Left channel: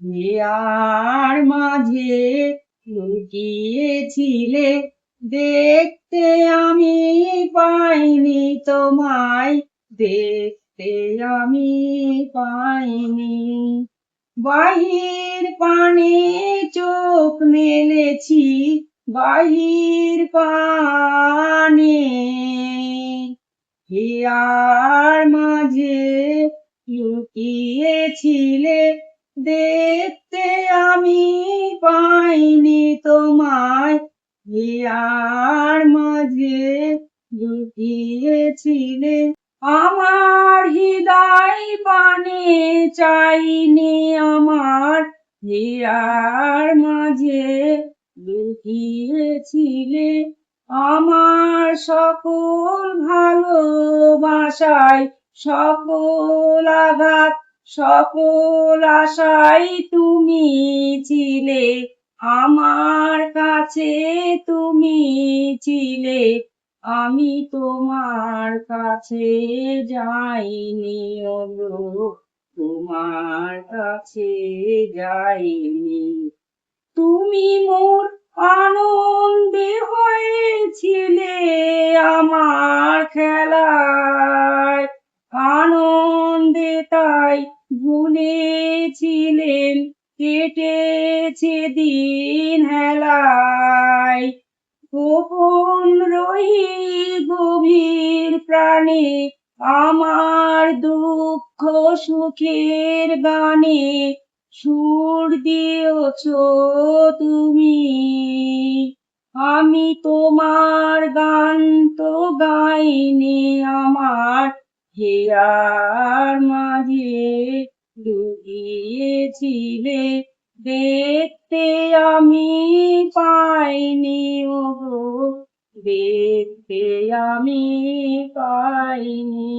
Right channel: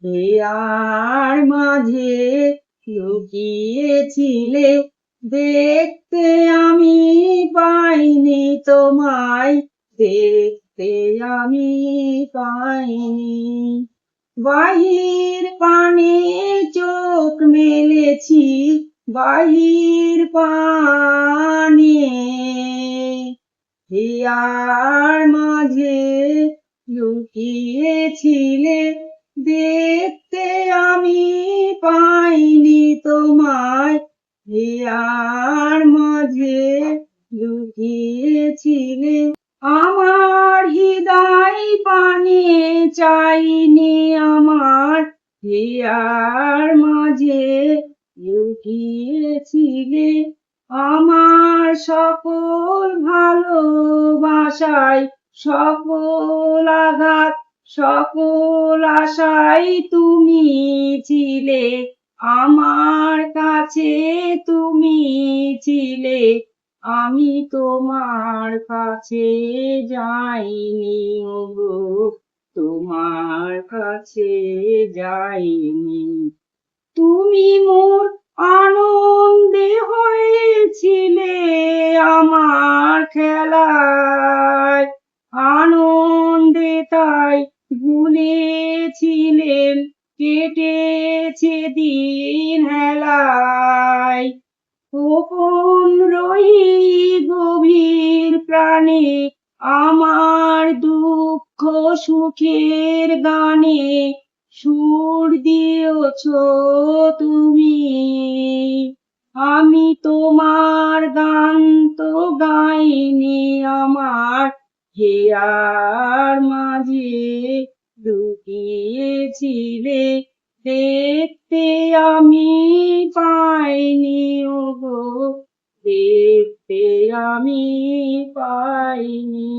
Here মাঝে লুকিয়েছিলে, দেখতে আমি পাইনি তোমায়, দেখতে আমি পাইনি। বাহির পানে চোখ মেলেছি, বাহির পানে হিয়ার মাঝে লুকিয়েছিলে, দেখতে আমি পাইনি তোমায়, হিয়ার মাঝে লুকিয়েছিলে। আমার হৃদয় পানে চাইনি আমার, হিয়ার মাঝে লুকিয়েছিলে। আমার সকল ভালোবাসায়, সকল আঘাত, সকল আশায় তুমি ছিলে, আমার কাছে তুমি ছিলে। আমি তোমার কাছে যাইনি ওগো, তোমার কাছে যাইনি। তুমি মোর আনন্দে হয়েছিলে আমার খেলায়, আনন্দে তাই ভুলেছিলেন, কেটেছে দিন হেলায়। গোপন রহি গভীর প্রাণে, আমার দুঃখ সুখের গানে সুর দিয়েছ তুমি। আমি তোমার গান তো গাইনি আমার, হিয়ার মাঝে লুকিয়েছিলে, দেখতে আমি পাইনি ওগো, দেখতে আমি পাইনি।